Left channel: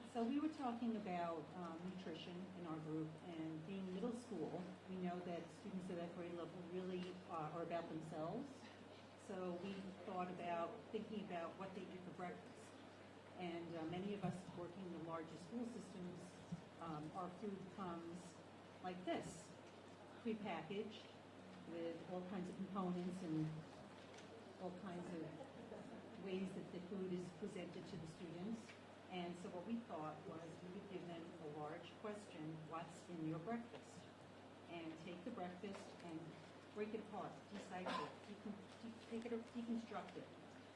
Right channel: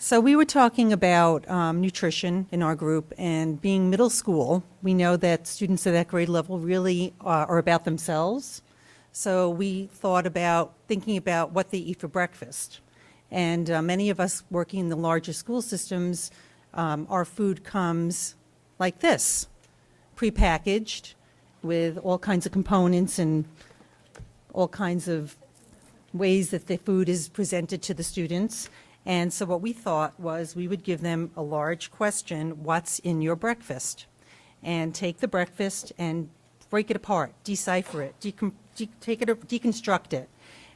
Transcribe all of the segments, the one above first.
So we were talking about nutrition in our group, and being middle school, we know that students at that grade level really are about themselves. So we thought about thinking about what they eat for breakfast. And many of us working in the larger school systems, our food comes like this, prepackaged with all kinds of components and all kinds of ways that the food is presented to the students. And so what we thought was we would give them a large question, what's in your breakfast? And take the breakfast and break it apart, decipher it, deconstruct it,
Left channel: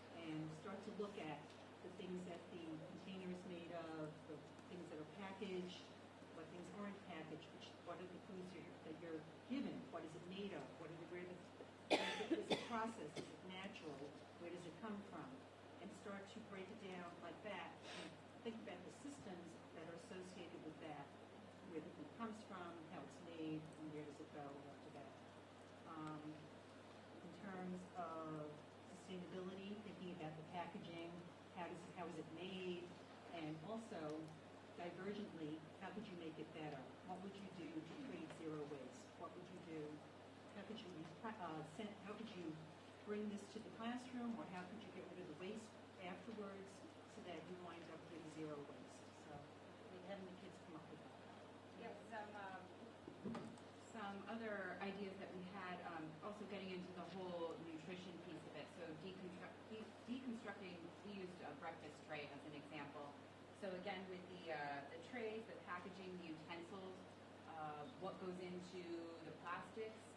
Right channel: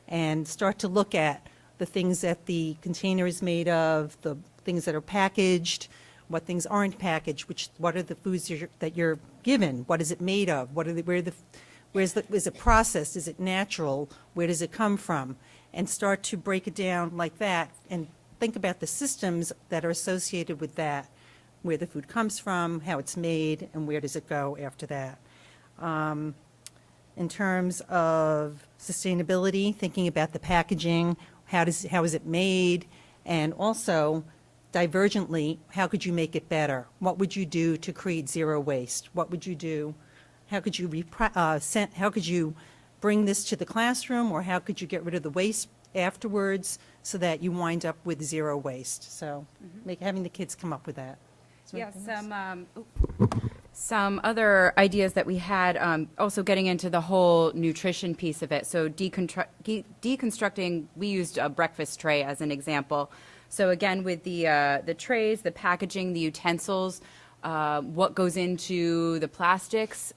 and start to look at the things that the container is made of, the things that are packaged, what things aren't packaged, what are the foods that you're given, what is it made of, is it processed, is it natural, where does it come from? And start to break it down like that and think about the systems that are associated with that, where the food comes from, how it's made, and where does it go after that. In terms of sustainability, thinking about the packaging, how is it made, and also divergently, how could you make it better? What would you do to create zero waste? What would you do? How could you bring this to the classroom, or how could you get rid of the waste afterwards so that you wind up with zero waste? So having the kids come up with that. Yeah, some other ideas that we had, also getting into the whole nutrition piece of it. So deconstructing, we used a breakfast tray as an example. So again, with the trays, the packaging, the utensils, what goes into the plastics.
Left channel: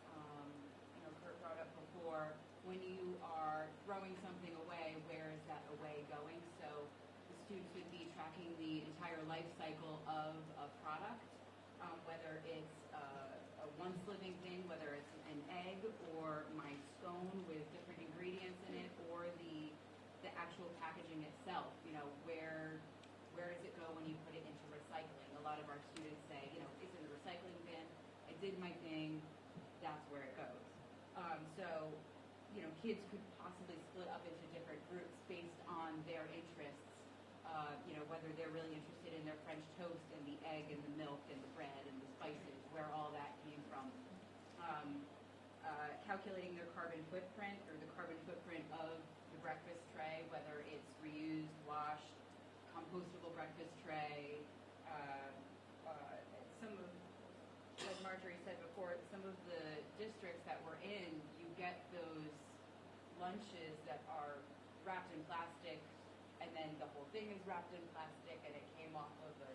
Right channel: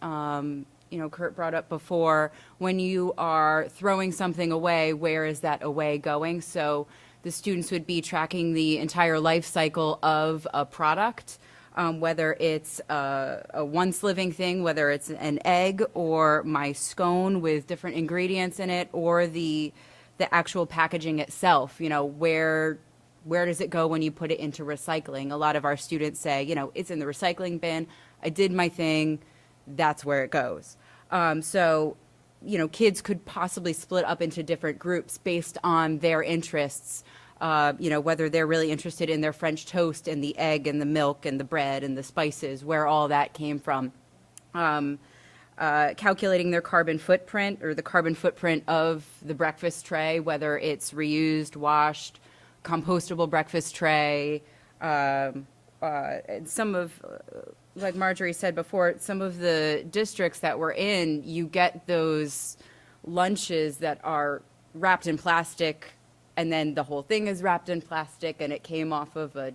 Kurt brought up before, when you are throwing something away, where is that away going? So the students would be tracking the entire life cycle of a product, whether it's a once living thing, whether it's an egg or my scone with different ingredients in it, or the actual packaging itself. Where does it go when you put it into recycling? A lot of our students say, it's in the recycling bin. I did my thing. That's where it goes. So, kids could possibly split up into different groups based on their interests, whether they're really interested in their French toast and the egg and the milk and the bread and the spices, where all that came from. Calculating their carbon footprint, or the carbon footprint of the breakfast tray, whether it's reused, washed, compostable breakfast tray. And some of, like Marjorie said before, some of the districts that we're in, you get those lunches that are wrapped in plastic, and then the whole thing is wrapped in plastic, and it came off of a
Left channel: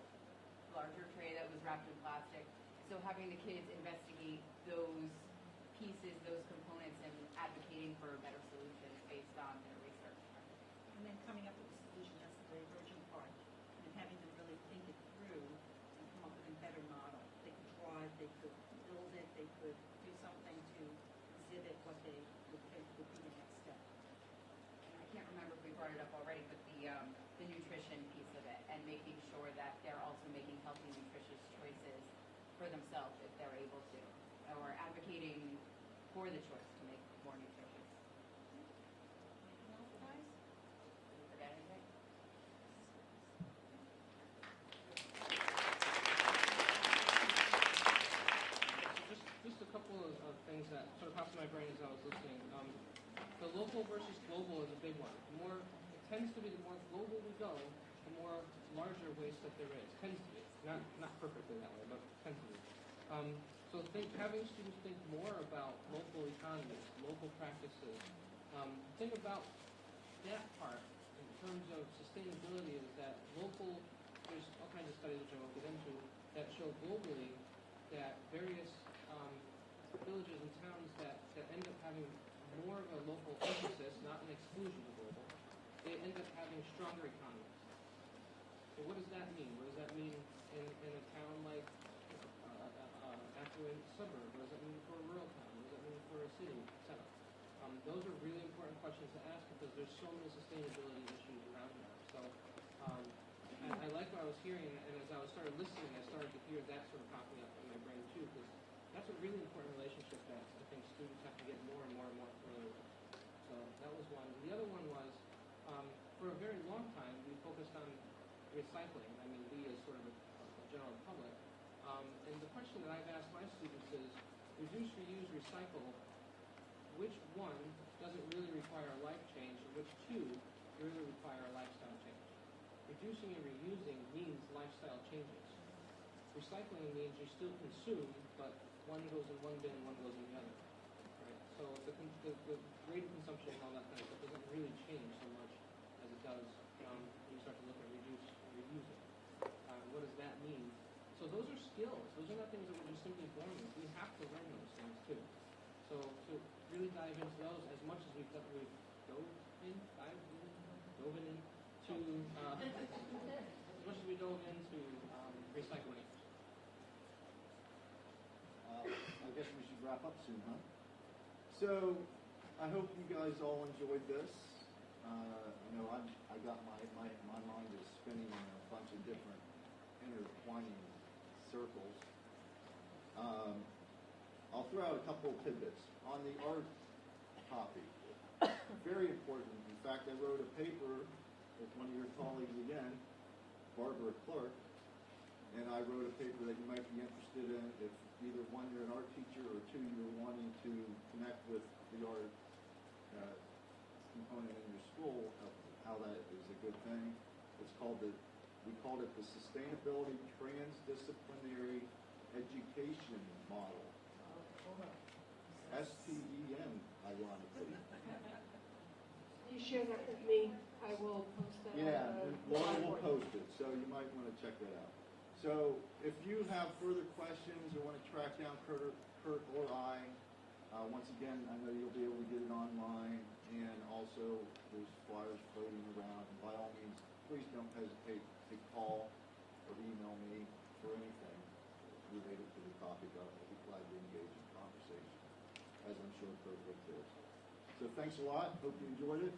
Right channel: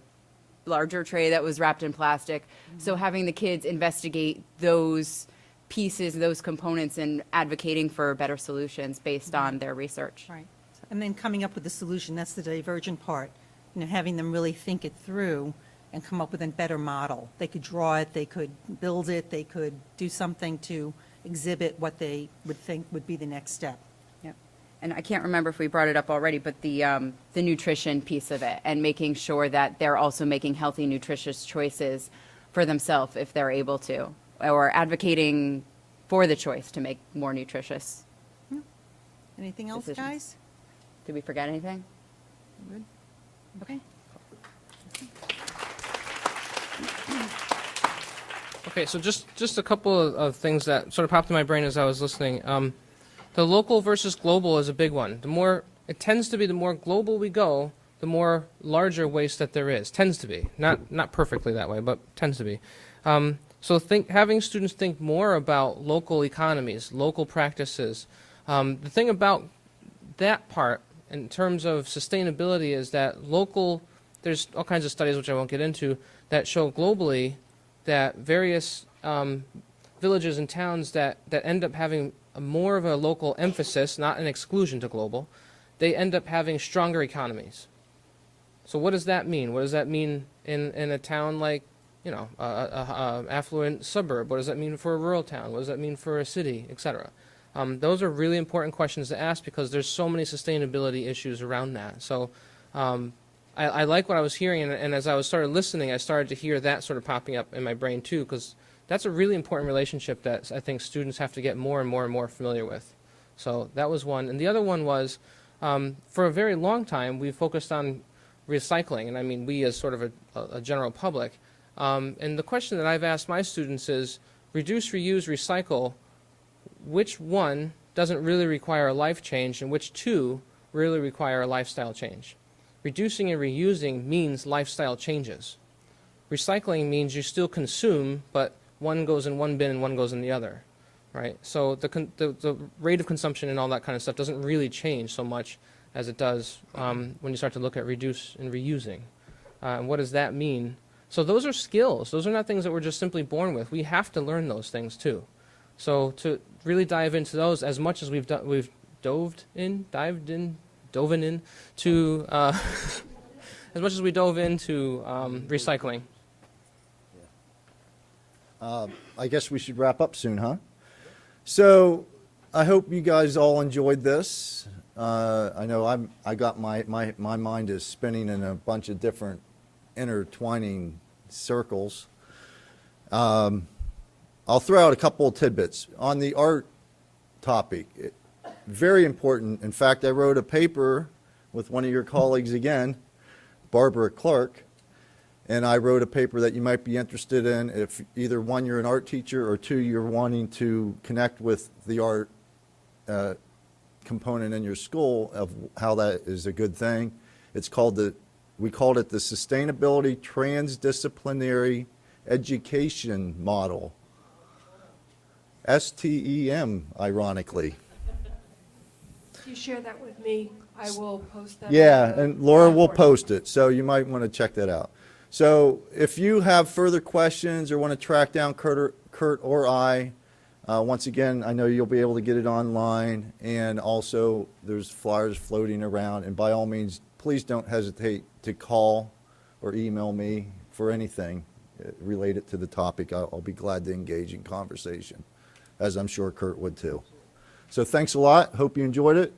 larger tray that was wrapped in plastic. So having the kids investigate those pieces, those components, and advocating for better solutions based on their research. Right. And then coming up with the solution, that's the divergent part. Having them really think it through and come up with a better model. They could draw it, they could build it, they could do something to exhibit what they would think would be the next step. Yep. And I can't remember if we brought it up already, but the nutrition piece of it, and making sure that they're also making healthy, nutritious choices for themselves if they're able to, or advocating for the choice to make more nutritious. Anything else, decisions. guys? Did we forget anything? Good. Okay. Okay, so just a couple of things that sort of popped in my brain as I was listening. The local versus global is a big one. It tends to be the more global we go, the more larger waste that there is. Tends to be. Not perfectly that way, but tends to be. So having students think more about local economies, local practices. The thing about that part in terms of sustainability is that there's all kinds of studies, which I won't get into, that show globally that various villages and towns that end up having more of a local emphasis, not an exclusion to global, they end up having stronger economies. So what does that mean? What does that mean in a town like, a affluent suburb? What does that mean for a rural town? What does that mean for a city, etc.? Those are really important questions to ask because there's so many sustainability issues around that. So I like what I was hearing, and as I started listening, I started to hear that sort of popping up in my brain too, because that's a really important relationship that I think students have to get more and more and more familiar with. So that was one. And the other one was, for a very long time, we focused on recycling, and I mean we as sort of a general public. And the question that I've asked my students is, reduce, reuse, recycle, which one doesn't really require a life change and which two really require a lifestyle change? Reducing and reusing means lifestyle changes. Recycling means you still consume, but one goes in one bin and one goes in the other, right? So the rate of consumption and all that kind of stuff doesn't really change so much as it does when you start to look at reduce and reusing. And what does that mean? So those are skills. Those are not things that we're just simply born with. We have to learn those things too. So to really dive into those as much as we've dove in to as much as we dove into recycling. I guess we should wrap up soon, huh? So I hope you guys all enjoyed this. I know I got my mind is spinning in a bunch of different intertwining circles. I'll throw out a couple of tidbits on the art topic. Very important. In fact, I wrote a paper with one of your colleagues again, Barbara Clark, and I wrote a paper that you might be interested in if either one, you're an art teacher, or two, you're wanting to connect with the art component in your school of how that is a good thing. It's called we called it the Sustainability Transdisciplinary Education Model. STEM, ironically. If you share that with me, I will post that. Yeah, and Laura will post it, so you might want to check that out. So if you have further questions or want to track down Kurt or I, once again, I know you'll be able to get it online, and also there's flyers floating around, and by all means, please don't hesitate to call or email me for anything related to the topic. I'll be glad to engage in conversation, as I'm sure Kurt would too. So thanks a lot. Hope you enjoyed it,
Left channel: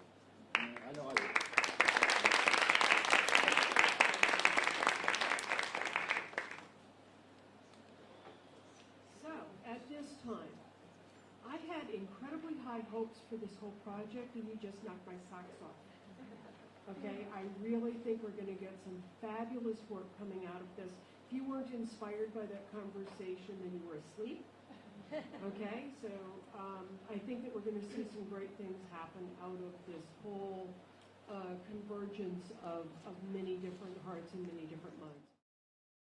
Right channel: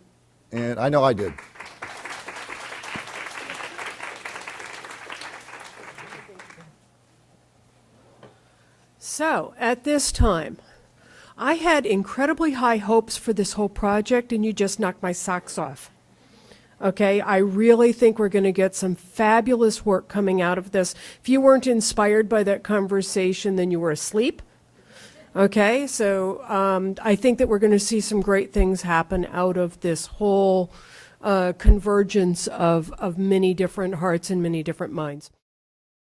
and I know I did. So, at this time, I had incredibly high hopes for this whole project, and you just knocked my socks off. Okay, I really think we're going to get some fabulous work coming out of this. If you weren't inspired by that conversation, then you were asleep. Okay, so I think that we're going to see some great things happen out of this whole convergence of many different hearts and many different minds.